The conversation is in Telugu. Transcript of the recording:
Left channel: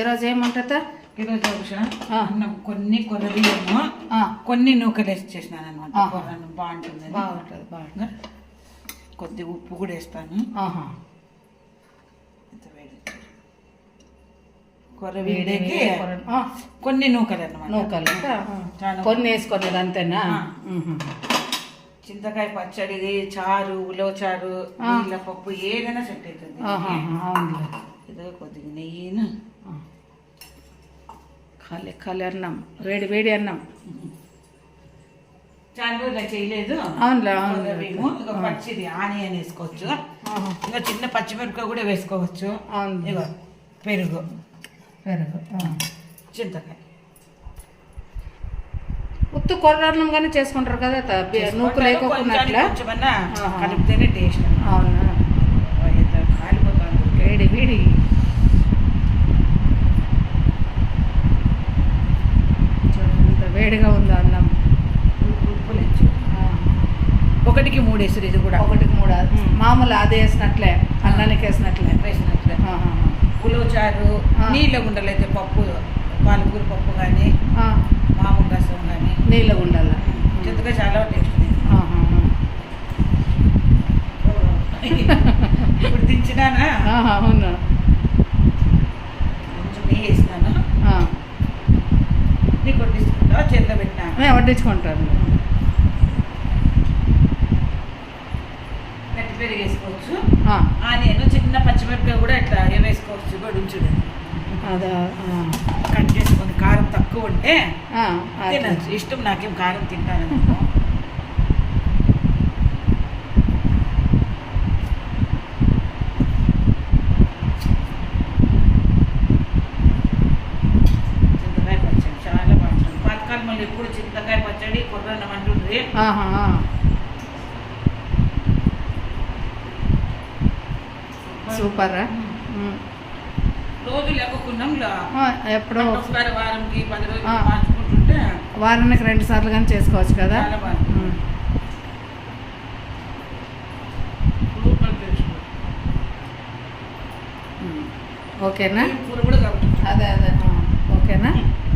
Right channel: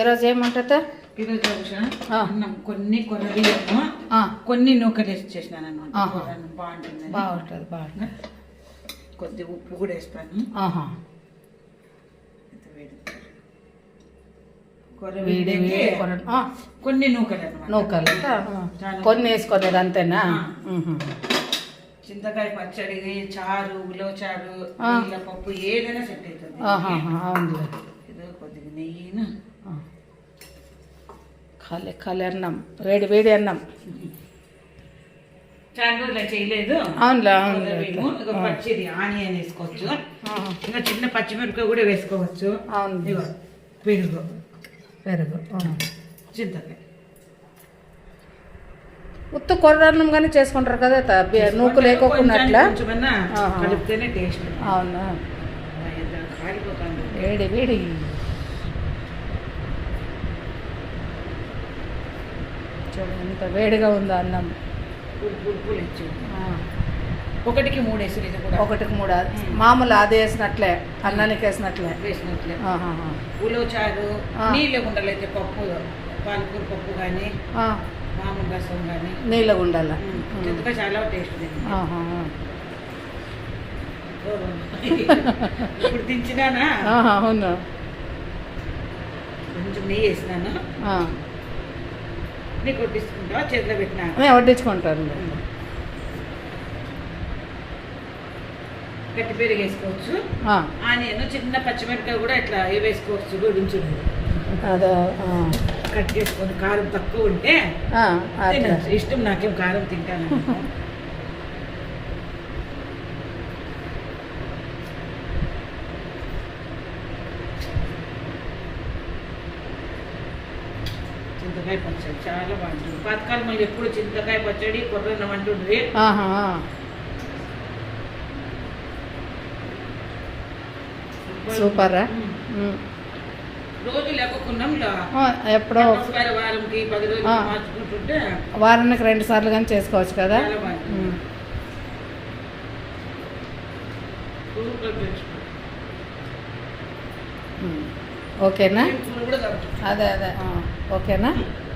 ఈరోజు ఏమంటుందా? ఈరోజు కొన్ని కొర్రబియ్యము కొన్ని నూకలు వేసి చేసినాను అనమాట. బాగుంటుంది బాగుంటుంది. కొద్దిగా ఉప్పు కూడా వేస్తాను. కొర్రబియ్యకి కొన్ని నూకలు అనమాట. నూకలు కొన్ని వేసుకోలేదు అంతేనా? చింతకాయ పచ్చడి, చారు, ఉలవచారు, నీళ్ళ పప్పు ఏదైనా సెట్ అవుతుంది. అవునులే. ఏదో కొద్దిగా నెయ్యిను ఖాళీ అన్నం, వేడి అన్నం. చాలా రోజులు చేయలేదు. అవునులే. పచ్చిది ఆనియన్ వేసుకోవచ్చు, ఇంకా చిన్న పచ్చిమిరపకాయ కూడా వేసుకోవచ్చు. అవును. పెరుగు చింతకాయ ఉత్తు కొర్రన్నం కానీ చేసుకుంటారు కదా, నూకు లేకోకుండా అట్లా కలిపితేనే టేస్ట్. అవునా? కాలిపోతాను. వేడి చూడండి ఎంత వేడిగా ఉందో అన్నం. ఒకటికి 3 వేసారు. ఇది కూడా 1కి 3 మామూలు అది వేసినట్లే, అన్నానికి వేసినట్లే. ఉలవచారు, నీళ్ళ గుండలు అయితే పప్పు, పాలకూర పప్పు కానీ మామూలు రసం కానీ నీళ్ళ గుండాల చింతకాయ చాలా టేస్ట్. ఇప్పుడు దించినానా? అవును. కొంచెం నెయ్యి వేసినాను. నీకు వడ్డించుకుంటా, చేతిలో పెట్టినా వడ్డించుకుంటాను. గట్టి పెరుగు వేసుకోవచ్చు. ఆనియన్, చిన్న పచ్చిమిరపకాయ కూడా ఇట్లా వేసుకోవచ్చు. గొడుంచుడు అదే కట్ చేసుకొని కారం తక్కువ ఉంటే తినచ్చు. ఇష్టం నాకేం కారం తింటాను. చింతకాయ పచ్చడి చాలా బాగుంటుంది. పాతకాలం మళ్ళీ ఎప్పుడు చింతకాయ పచ్చడి కొర్రన్నం అంటుంది. సూపర్. రోజు లేకుండా ఎప్పుడో వారంకి 10 రోజులు మార్చుకుంటుంటే వారానికి 2 సార్లు కానీ చేసుకోవచ్చు కదా. ఓకేనా? అదే ఓకేనా?